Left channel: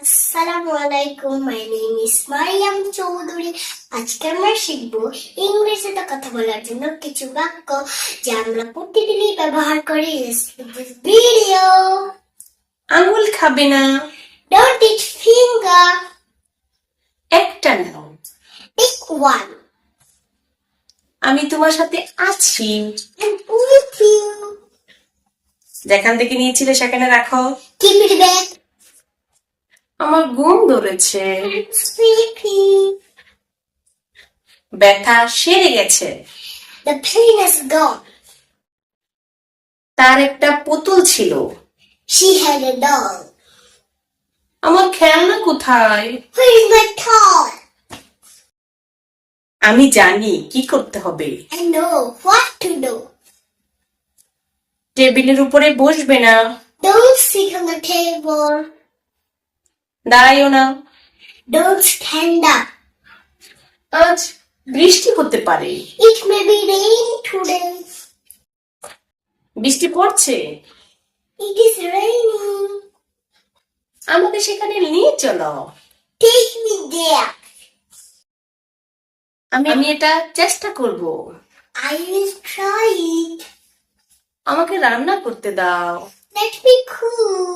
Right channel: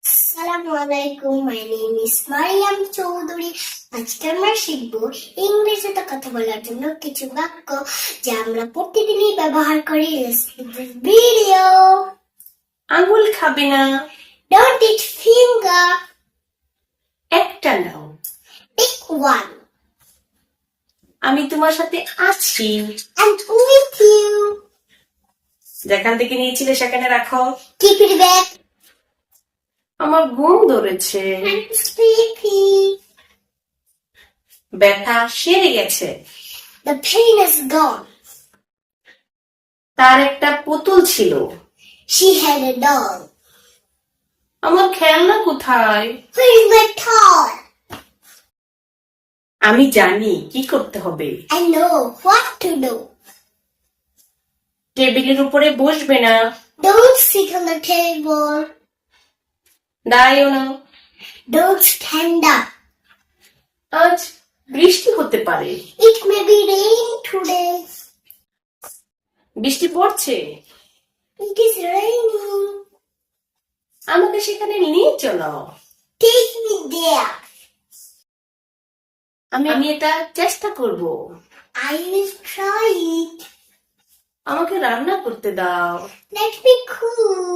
আসসালামু আলাইকুম my name is Mariyam Chowdhury. আজকে আমরা শিখব ইংরেজিতে কথা বলার জন্য কিছু বাক্য যা আমরা প্রতিদিনই ব্যবহার করি। ভিডিও আঙুল খাবে না। ডোন্ট ইট ফিঙ্গার একটা নাও। পিক ওয়ান আমি তোমার সাথে আছি। এন্ড উইথ ইউ যেখান থেকে নিয়েছিলে সেখানে রাখো। কিপ ইট ব্যাক আমার ঘুম ধরেছে। ব্যথা সেরে গেছে। দ্য পেইন ইজ গন তার একটা পুতুল ছিল। শি হ্যাড এ ডল আমার খেলনা কোথায়? Where is my toy? আমি জানি কি করতে হবে। I know what to do. টেবিলের উপরে বসবে না। Don't sit on the table. দাঁড়াইও না। ডোন্ট স্ট্যান্ড আজ বৃষ্টি হতে পারে। ইট মে বি রেইন বৃষ্টি পড়ছে। আমাকে সেখানে নিয়ে চলো। টেক মি দেয়ার আমি আমি এটা চেষ্টা করব। আই উইল ট্রাই আমাকে রান্না করতে দাও। Let me cook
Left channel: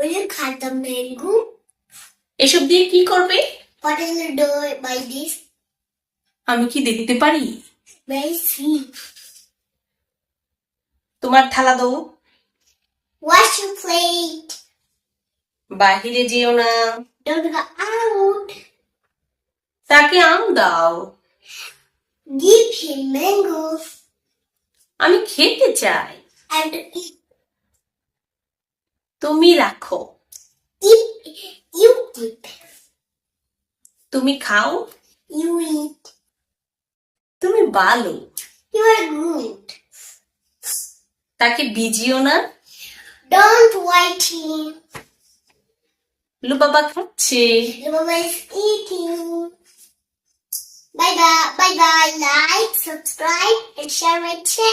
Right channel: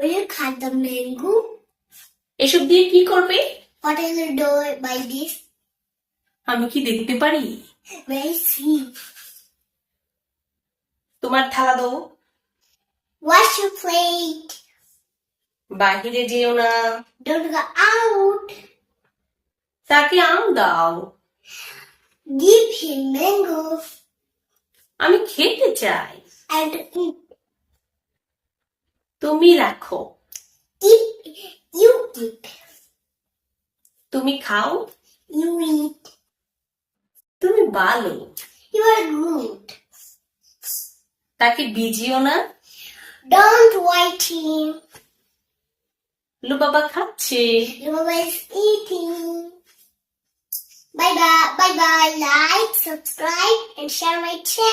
Will you cut the mango? এসব দিয়ে কি করবে What will you do by this? আমি কি দেখতে পারি May I see? তোমার থালা দাও Wash your plate. বাহিরে যেও না Don't go out. তাকে আম দাও Give him mango আমি খেতে চাই and eat. তুমি রাখো. You keep. তুমি খাও You eat. তুমি ভালো You are good. তাকে ভিজিও না Don't white him. লুবাবা খাচ্ছে Mama is eating. Bye bye. Bye bye. Like, subscribe, and share my channel.